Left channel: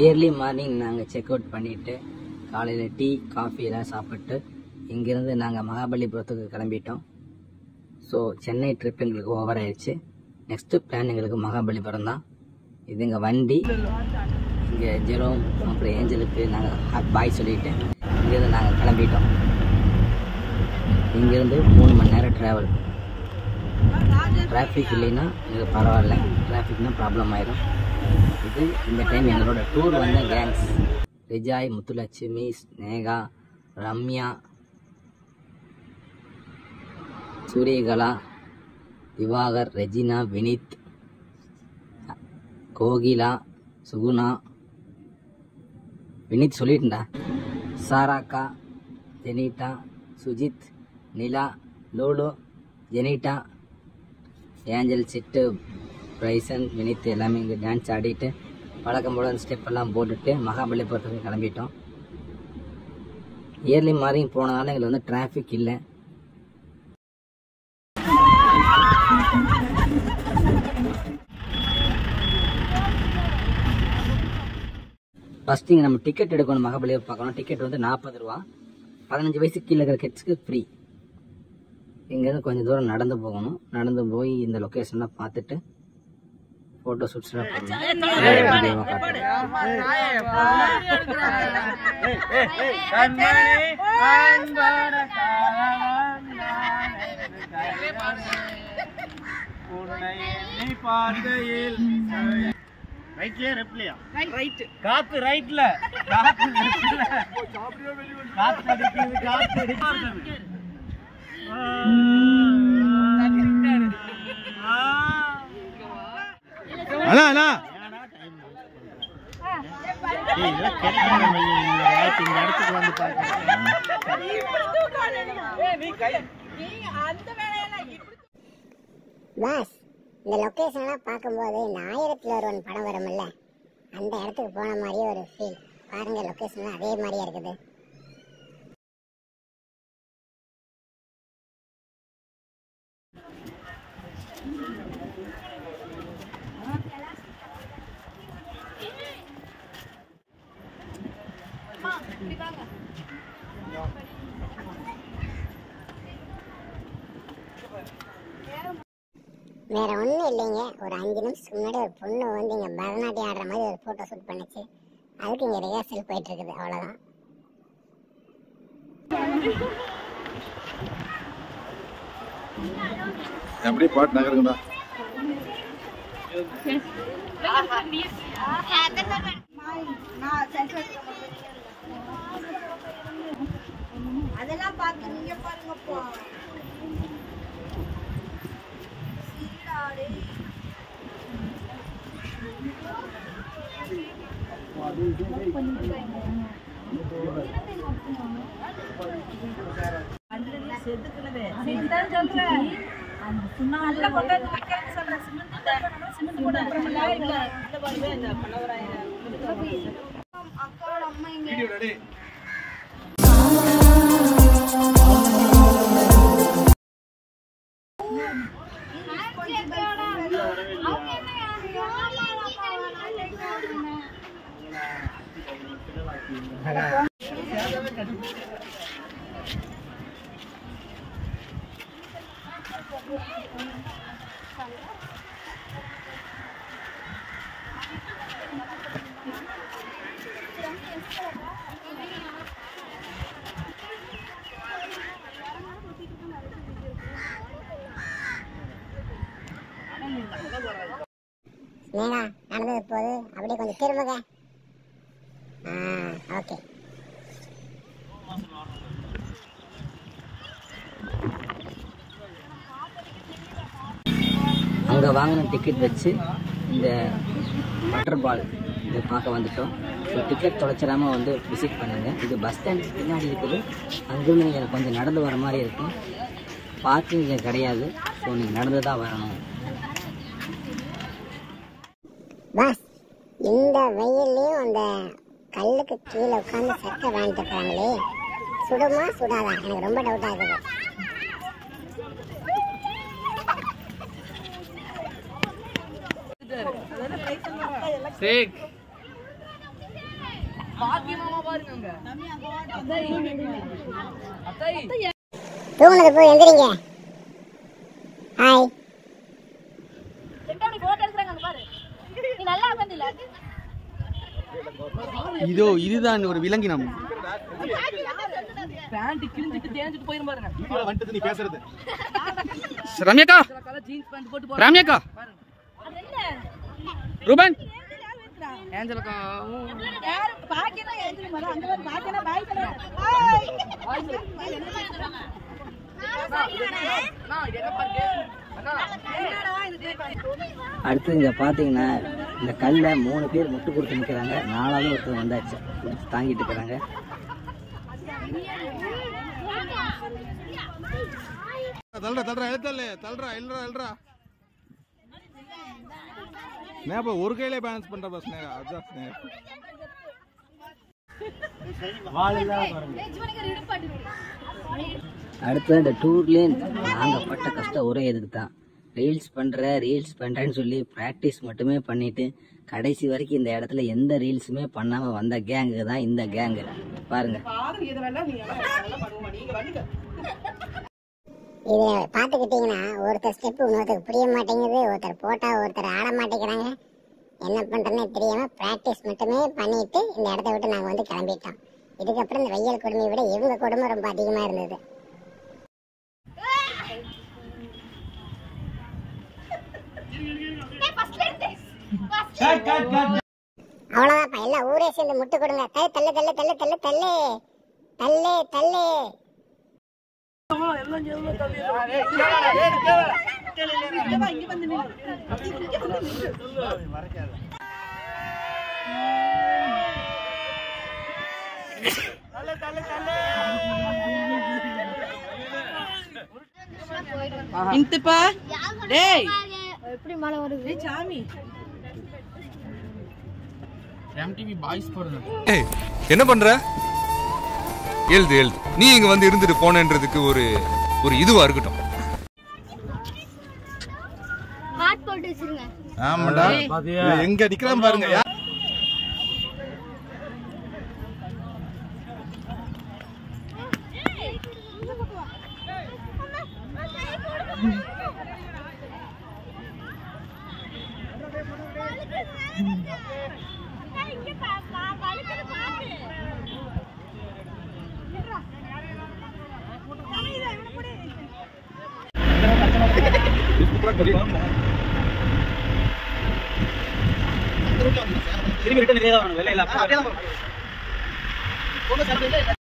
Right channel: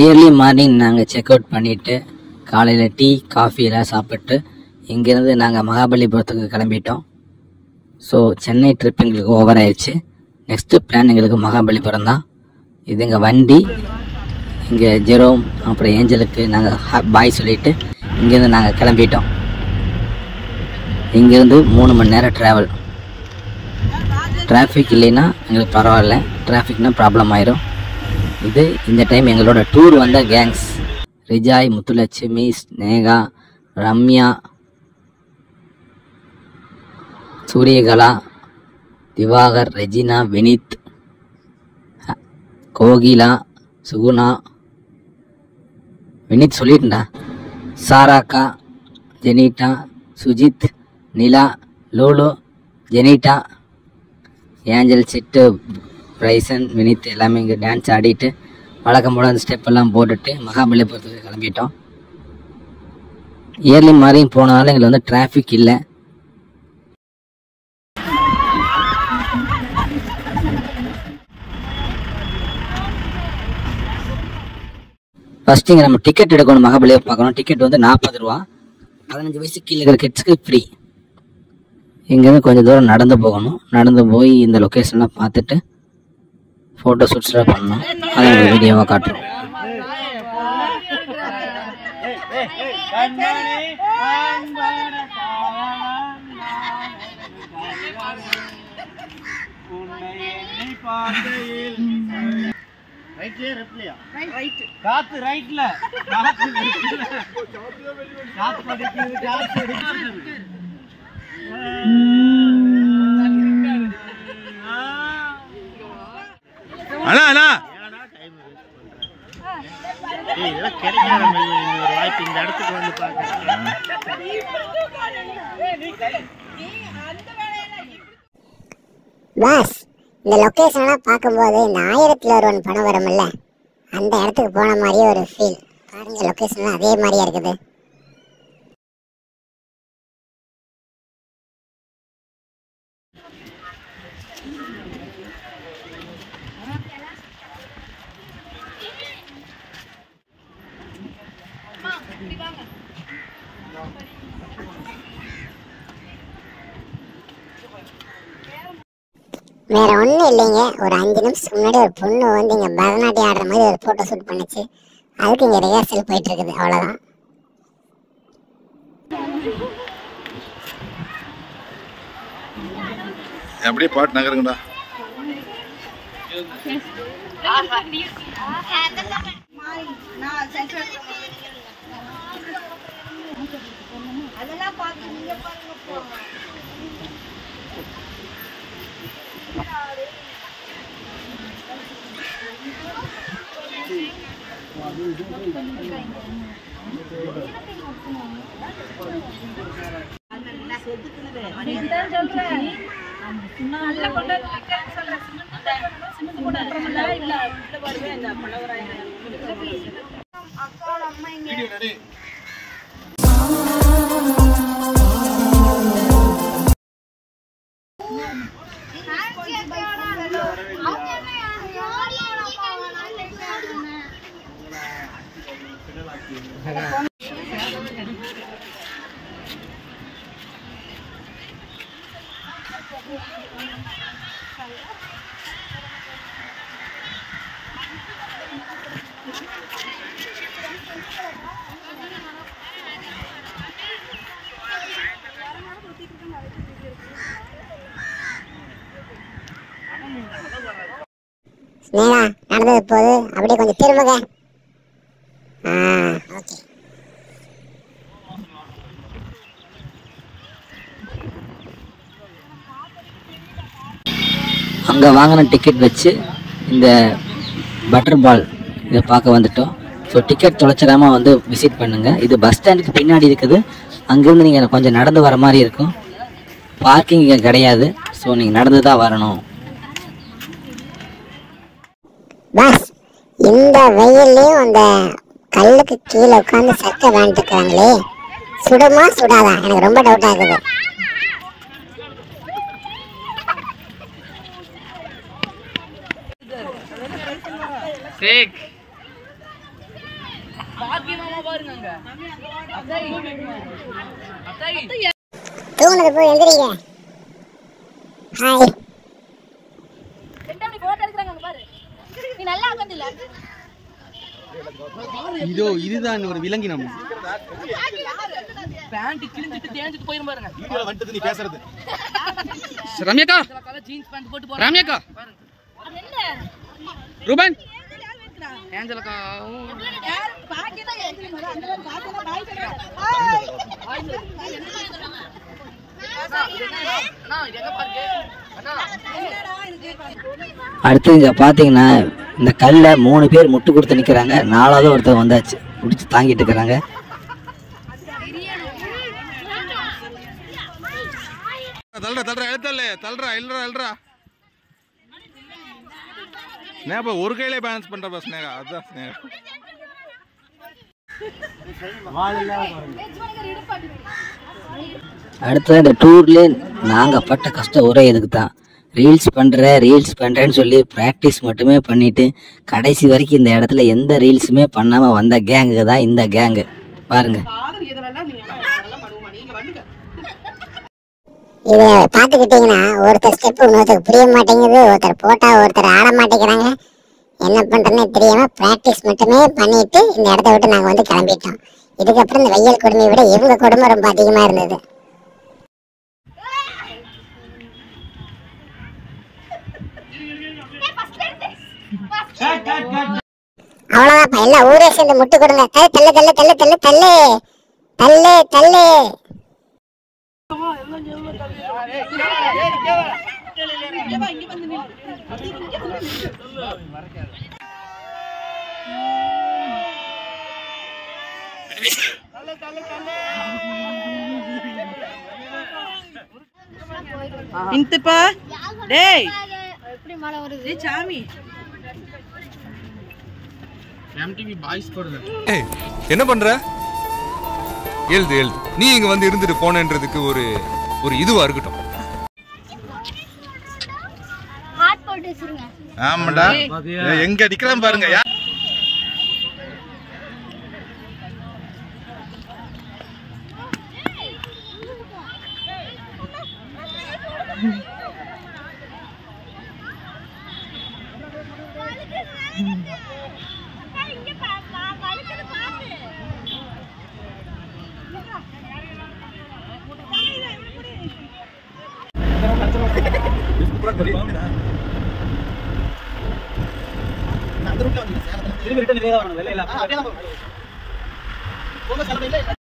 Early morning நாங்கள் check out பண்ணிவிட்டு காலையில் டீ காஃபி எல்லாம் சாப்பிட்டு இங்கேருந்து நாங்கள் மகாபலிபுரத்துக்கு கிளம்பிட்டோம். ஸோ சென்னை ட்ரிப் எங்களுக்கு ஓவர் ஆயிடுச்சு. நெக்ஸ்ட்டு பிளான் எங்களுக்கு மகாபலிபுரம் தான். இது எங்கள் வண்டி. இங்கே ஜெரோம் அப்புறம் ஏஞ்சலுக்கு நாங்கள் பாய் சொல்லிவிட்டு இங்கேருந்து நாங்கள் கிளம்பிட்டோம். இங்கேருந்து 3 மணி நேரம் ட்ராவல். டிராஃபிக் இல்லைன்னா எங்களுக்கு பரவாயில்ல, டிராஃபிக்னால் ப்ராப்ளம் ஆயிரும். இது இந்த டைம் எங்களோட டூர் வந்த கேங்ஸ் ரிஜாய், முத்துலட்சுமி, ஸ்னேகா, ரம்யா, சூரியகலா, திவாகர், ரெஜினா, வினித், கோகிலா, சுகுணா, வினித் சொல்லிட்டா, சாராக்கா, ஜெனிட்டா, சுஜித், நிலா, லூலு, ஜெனிட்டா, ஏஞ்சல், சிட்டு, ரைசன், வினித் எல்லாமே இங்கே டான்ஸ் ஆடிட்டு வழக்கம் போல் அந்த ஸ்டெப்பெல்லாம் போட்டுட்டு மகாபலிபுரத்துக்கு கிளம்பிட்டோம். இயர்லி மார்னிங் போனதால எங்களுக்கு வந்து டிராஃபிக் இல்லை. ஃபஸ்ட்டு இங்கே நம்ம டிக்கெட் எடுக்கணும். மகாபலிபுரம் பார்க்கணும். டிக்கெட் வந்து 40 ரூபா. 15 வயசு கீழே இருக்கிற கிட்ஸுக்கு ஃப்ரீ. இங்கேருந்து கொஞ்சம் தூரம் நடந்து போகணும். நடந்து போய் இந்த லொக்கேஷன்லாம் பார்த்துட்டு ஃபோட்டோ ஷூட்ஸ்லாம் பண்ணணும். அதை ஒரு வீடியோவாக காட்டுறோம். அண்ணா அண்ணா பாஸ், இந்த லொக்கேஷன்லாம் பார்க்கும்போது இந்த 1000ல் ஒருவன் படம் வரும்ல, அந்த இடத்துக்கு போன மாதிரியே ஒரு ஃபீல். பாருங்க, லொக்கேஷன்லாம் அதே மாதிரியா இருக்குது. வேற ஒன்றும் இல்லைங்க, ஒரு 5 நிமிஷத்துக்கு முன்னாடி ஒரு பொண்ணு வந்து இங்கே பரதநாட்டியம் ஆடுற மாதிரி ஒரு ஃபோட்டோ ஷூட் பண்ணிச்சு. அதுக்கு இங்கே ரிஹர்சல் போயிட்டு இருக்குது, அவ்வளோதான். அப்படியே பாட்டு நகருங்கடா. அதெல்லாம் பாத்து நீங்க பாருங்கப்பா. ஸ்னேகா, நடந்தது போது அப்படியே கொஞ்சம் திரும்புங்க. ஓகே. அங்கே வாங்கின டிக்கெட் வச்சு இந்த பட்டர் பால் இதை பார்க்க வந்துட்டோம். ஸோ டிக்கெட் தொலைச்சிடாமல் வந்து விசிட் பண்ணுங்கள். இது பஸ் ஸ்டாண்டுக்கு பின்னாடி இருக்குது. அங்கேருந்து நீங்கள் கொஞ்சம் நடந்து வர மாதிரி இருக்கும். பார்க்கிங் இங்கே கிடையாது. ஸோ நீங்கள் நடந்து தான் வரணும். பாஸ், இந்த வெயில்லையும் அந்த கல்லுக்கு கீழே உட்காந்து சட்டை வாங்கிட்டு இருக்காங்களே, சுடுமா சுடாதா? எனக்கு ரொம்ப டவுட் ஆகுது. தூங்குனது போய் எந்திரிங்க. ஹாய். இதோ இதுதான் ஒரு விலங்கினம். பேண்ட் கிழிஞ்சிட்டு தேஞ்சிட்டு போயிரும் பாருங்க. வந்துட்டு நீ பேசுறது ரம்யாக்கா, ஜீன்ஸ் பேண்ட் போட்டு போறாங்க. ரம்யாக்கா, பாருங்க. அது என்ன? ரூபன், ஏஞ்சலுக்கா யார் பாக்கெட்டா ஏத்தி மர அந்த மாதிரி பாக்கெட்டா பாய் சொல்லுங்க. அண்ணா எங்க பாருங்க. அண்ணா அடுத்து இங்கே பார்த்தீங்கன்னா இந்த கல்லை 3 பேர் முட்டு கொடுத்து நிற்கிறாங்க. 4வது ஒருத்தர் வந்தாச்சு பிடிச்சி தாங்கிட்டு இருக்கிறாங்க. தள்ளுறா எழுத்தல்ல தள்ளுறா இல்லறா ஸ்னேகா ஒரு கையிலே பேலன்ஸ் பண்ற பஸ் ஸ்னேகா அதான் ஸ்னேகா அடுத்து இந்த டூர்லேயே நாங்கள் பட்ட கஷ்டம் ஒரே இதுக்கு தான். ரீல்ஸ் பண்ணுறேன்னு சொல்லி ப்ராக்டிஸ் மட்டுமே பண்ணிவிட்டு கடைசி வரைக்கும் இந்த இடத்துல எந்த ரீல்ஸுமே பண்ணாமல் வந்த கேங்குக்கு தான் இந்த கேங்கு. பாருங்கள். இதை பார்த்துக்கிட்டிங்கன்னா ஒருத்தர் ஸ்டெப்பு இன்னொருத்தருக்கு புரிய மாட்டேங்குது, ஒருத்தர் போட்டால் ஒருத்தர் ஆட மாட்டேங்கிறாங்க. என்ன பண்ணுறதுன்னே தெரியாமல் ப்ராக்டிஸ் மட்டுமே பண்ணிட்டு இந்த இடத்த விட்டு நாங்கள் வந்து கிளம்பிட்டோம். இதுக்கப்புறம் இந்த வெயில் கொடுமையை விட இவங்க கொடுமை ரொம்ப அதிகமாக இருந்தது. அவ்வளோதான்ப்பா, எல்லாம் ஊரே சேர்ந்து முட்டு கொடுங்க. தள்ளு தள்ளு தள்ளு தள்ளு தள்ளு தள்ளு தள்ளு. இந்துப்பா டேய் எப்படி மழை வருது? டேய் சாமி எம்டிவி பாய்ஸ் போறது. ஏய் என்ன பண்ற? எழுது நீ இங்க வந்து இருந்துட்டு போனன்றதுக்கு ஒரு இதுவா இருக்கட்டும். ஹாட் போட்டு வச்சிருங்க. ஆமாடா எங்க நிக்கிறான் பாருங்க. திரும்பி ரிட்டர்ன் இதே தான் வரணும். வெள்ளை இல்ல.